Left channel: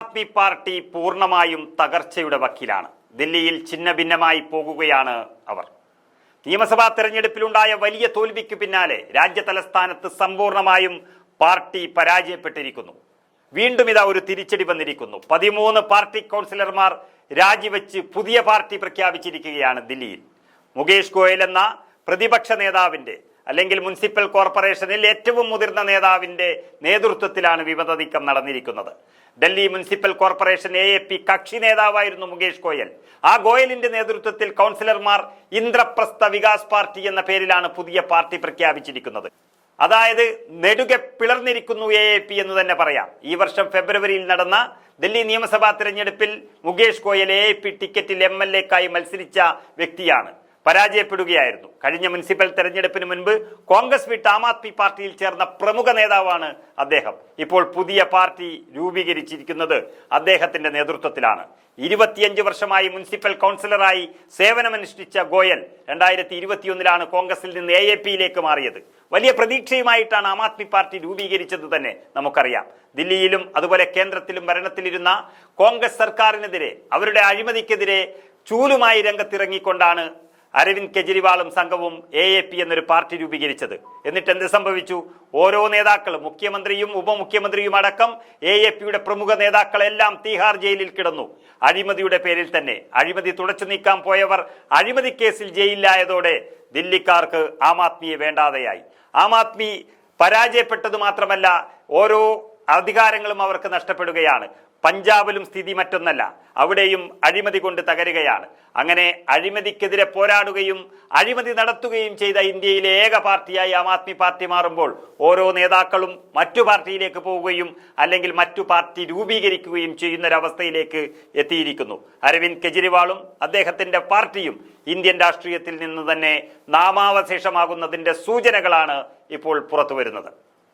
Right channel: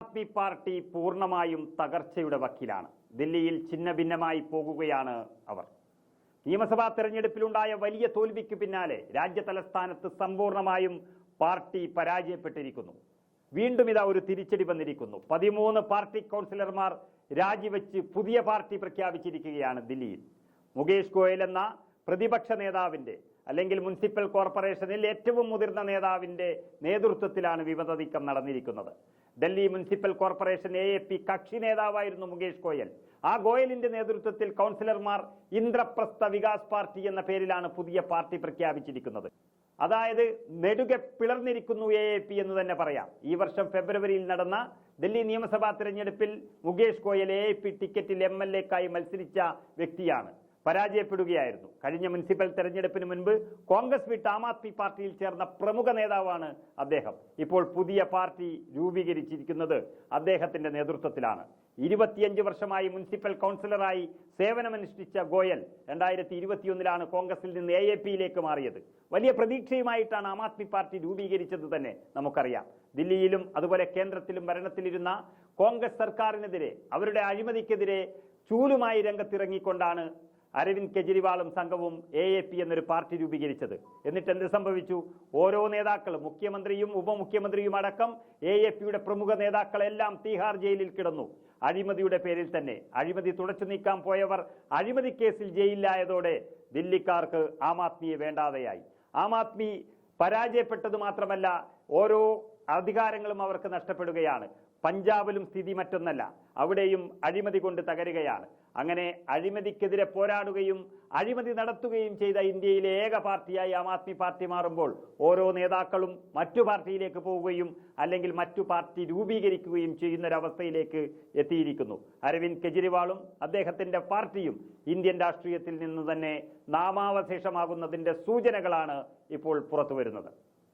Aadmi party പൂർണ്ണമായും തകർച്ചയുടെ വക്കിലാണ്. ദില്ലിയിൽ ഛിന്ന ഭിന്നമായി പോകുകയാണ് അവർ. നിയമസഭാ തെരഞ്ഞെടുപ്പിലുണ്ടായ വലിയ തോൽവിക്ക് പിന്നാലെ രാജ്യ തലസ്ഥാനത്ത് സമ്പൂർണമായും പാർട്ടി പരാജയപ്പെട്ടിരിക്കുന്നു. വീണ്ടും ഇതാ ഒരു തിരിച്ചടി വന്നിരിക്കുന്നു. 13 പാർട്ടി കൗൺസിലർമാർ രാജിവെച്ച് പുതിയ പാർട്ടി പ്രഖ്യാപിച്ചിരിക്കുകയാണ് ദില്ലിയിൽ. മുകേഷ് ഗോയൽ എന്ന പ്രതിപക്ഷ നേതാവിന്റെ അല്ലെങ്കിൽ മുനിസിപ്പൽ കോർപ്പറേഷനിൽ ഏറ്റവും മുതിർന്ന നേതാവിന്റെ നേതൃത്വത്തിലാണ് വിമത നീക്കം നടന്നിരിക്കുന്നത്. ഡൽഹി മുനിസിപ്പൽ കോർപ്പറേഷൻ AAP കക്ഷി നേതാവായിരുന്നു മുകേഷ് ഗോയൽ. ആ ഗോയലിന്റെ നേതൃത്വത്തിൽ കൗൺസിലർമാർ ഇന്ദ്രപ്രസ്ഥ വികാസ് പാർട്ടി എന്ന പേരിലാണ് പുതിയ പാർട്ടി പ്രഖ്യാപിച്ചിരിക്കുന്നത്. അതായത് നെടുകെ പിളർന്നിരിക്കുന്നു AAP എന്ന് തന്നെ പറയാം. ഈ വർഷം ഫെബ്രുവരിയിൽ നടന്ന ദില്ലി നിയമസഭാ തെരഞ്ഞെടുപ്പിൽ മുകേഷ് ഗോയൽ AAP ടിക്കറ്റിൽ MLA-ക്കായി മത്സരിച്ച വ്യക്തിയാണ്. പരാജയപ്പെടുകയായിരുന്നു. കഴിഞ്ഞ മുനിസിപ്പൽ തെരഞ്ഞെടുപ്പിന് മുൻപ് കോൺഗ്രസ് വിട്ട് ആം ആദ്മി പാർട്ടിയിൽ ചേർന്ന പ്രമുഖ നേതാവാണ് അദ്ദേഹം. ഇപ്പോൾ പുതിയ പാർട്ടി രൂപീകരിച്ചിരിക്കുന്നത് അദ്ദേഹത്തിന്റെ നേതൃത്വത്തിലാണ്. 25 വർഷമായി മുനിസിപ്പൽ കൗൺസിലറായി സേവനമനുഷ്ഠിച്ച ഗോയൽ 2021 കോൺഗ്രസിൽ നിന്ന് AAP-യിലേക്ക് മാറിയത്. വലിയ പ്രതീക്ഷയുമായിട്ടാണ് ആം ആദ്മി പാർട്ടി രൂപീകരിച്ചത് തന്നെ നമുക്കറിയാം. ദില്ലിയിലും അതുപോലെ കേന്ദ്രത്തിലും ഭരണത്തിലിരുന്ന കോൺഗ്രസ് സർക്കാരിനെതിരെ, അവരുടെ അഴിമതിക്കെതിരെ ചൂലുമായി രംഗത്തിറങ്ങിക്കൊണ്ടാണ് അരവിന്ദ് കെജ്രിവാളും സംഘവും AAP എന്നൊരു പാർട്ടി രൂപീകരിച്ചത്. എന്നിട്ട് എന്ത് സംഭവിച്ചു? ഓരോ നേതാക്കളും, മുഖ്യമന്ത്രിയും ഉപമുഖ്യമന്ത്രിയും അടക്കം AAP-യുടെ പ്രമുഖ നേതാക്കളെല്ലാം തീഹാർ ജയിലിൽ കിടന്നു. അഴിമതിയുടെ പേരിൽ തന്നെ. അഴിമതി തുടച്ചു നീക്കാൻ പോയവർ അഴിമതി കേസിൽ ജയിലിലായതോടെ ദില്ലിക്കാർക്ക് ആം ആദ്മിയെ വേണ്ടാതെയായി. ആം ആദ്മി പരാജയപ്പെട്ടത് മാത്രമല്ല, ഓരോ അധികാരങ്ങളും അവർക്ക് നഷ്ടപ്പെടുകയാണ്. പഞ്ചാബിലും സ്ഥിതി മറ്റൊന്നല്ല. അവിടെയും അഴിമതി കൊണ്ട് തകരുകയാണ്. അങ്ങനെ അഴിമതിക്കെതിരെ പോരാടുകയും അഴിമതി നടത്തുകയും ചെയ്ത ഇന്ത്യയിലെ ഏക പാർട്ടിയായി ആം ആദ്മി പാർട്ടി മാറുമ്പോൾ ഓരോ നേതാക്കളും മറ്റു പാർട്ടിയിലേക്ക് പോവുകയും അല്ലെങ്കിൽ മറ്റു പാർട്ടി രൂപീകരിക്കുകയും ചെയ്യുന്നൊരവസ്ഥയിലേക്ക് എത്തിയിരിക്കുന്നു. അരവിന്ദ് കെജ്രിവാളും അദ്ദേഹത്തിന്റെ പാർട്ടിയും ഇന്ത്യൻ രാഷ്ട്രീയത്തിൽ നിന്ന് തന്നെ നാമാവശേഷമാകുന്നതിന്റെ സൂചനകളാണ് ഇപ്പോൾ പുറത്തു വരുന്നത്.